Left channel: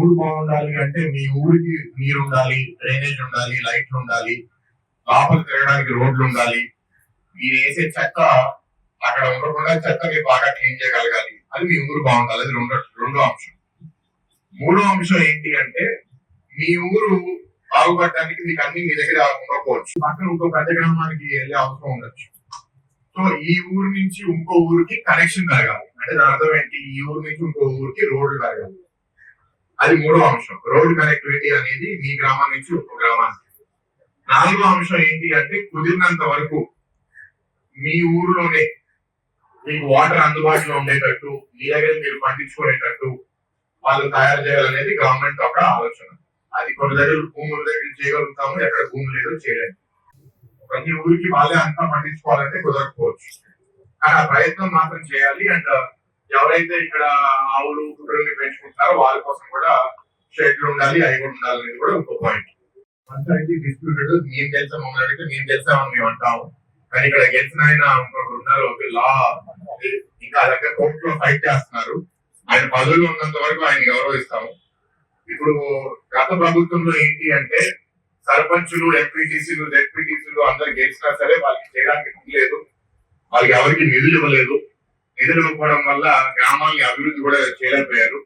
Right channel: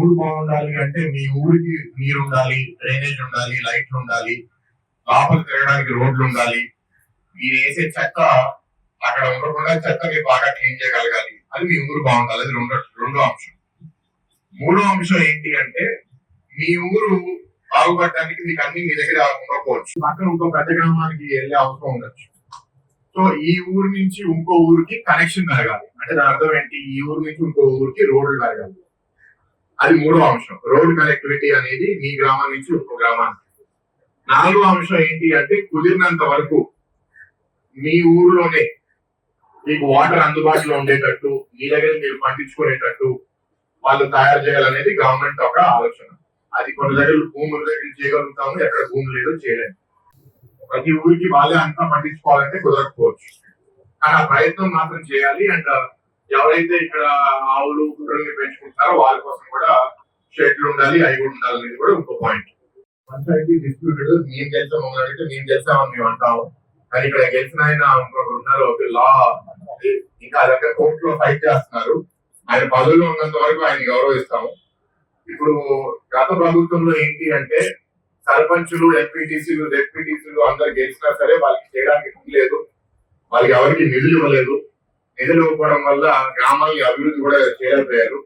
ఊరు బాగుండాలి అంటే మీ ఊరికి నీరు ఉండాలి, డ్రైనేజ్ ఉండాలి, లైట్లు ఉండాలి, లోపల తిరగడానికి రోడ్లు ఉండాలి. మీరు వేసే చెత్త అక్కడ ఉండకుండా చెత్తని బాగా క్లీన్ చేయగలగాలి. అది మీ ఊరు బాగుండాలి. అది రెండో అంశం. మూడో అంశం ఏంటి అంటే మీ ఊరు బాగుపడడానికి మీకు అన్ని మీ దగ్గర ఉండకపోవచ్చు. పక్కన ఇంకో పెద్ద గ్రామానికి వెళ్ళే అవసరం ఉండొచ్చు. సో ఈ ఊరు నుంచి ఇంకో ఊరికి కనెక్షన్ జరగాలి. అంటే దాని అర్థం ఏంటి? ఈ ఊరు నుంచి ఇంకో ఊరికి రోడ్లు జరగాలి. అది మూడో అంశం. రోడ్ కనెక్టివిటీ అనేది మీ గ్రామం నుంచి ఇంకో గ్రామానికి. నాలుగో అంశం ఏంటి అంటే కుదిరినంత వరకు మీ ఊర్లోనే మీకు వాటర్ అందుబాటులో ఉండేటట్టు, మీ దగ్గర మీరు పండించుకునేటట్టు వాళ్ళు తయారు చేయాలనేది గవర్నమెంట్ ఒక ఆలోచన. అది కొన్ని దగ్గర భూముల దగ్గర చేయగలుగుతాము, ఎక్కడ భూమి లేదో చేయలేము. ప్రతి ఊరికి వాళ్ళే అంతా పండించుకోవాలంటే కుదరకపోవచ్చు. కానీ ఆ ప్రయత్నం మాత్రం చేయాలి. అండ్ ఎవరైతే ఇక్కడ ఆవులు గుర్రెల్ని పెంచుకుంటారో వాళ్ళ కోసం కూడా షెడ్లు ఉండాలి, అవి కూడా ఉండాలి అనేది కూడా ఇంకో పాయింట్. పంచాయతీ డిస్ప్యూటెడ్ మేము తెలుసా మమ్మల్ని అడిగితే మేము తెలుసామని మేము అంటాము. కానీ ఇక్కడ గెలిచిన ఆయన ఇంకొకరు ఉన్నారు, లా ఇంకా దగ్గర కోర్టులో ఫైట్ చేస్తున్నారు. ఆయన పదవిలో ఉన్నంత వరకు ఆయన గౌరవిస్తాము. ఇప్పుడు గత ప్రభుత్వంలో ఏంటి అంటే సర్పంచులు, ఎంపీటీసీలు, జెడ్పీటీసీలు అందరు గెలిచినా సరే వాళ్ళకి చేయడానికి లేదు, వాళ్ళకి ఎవరికి నిధులు ఇవ్వలేదు. నిధులు ఇవ్వకపోవడం వల్ల గ్రామాలని అభివృద్ధి కూడా చేయలేకపోయారు.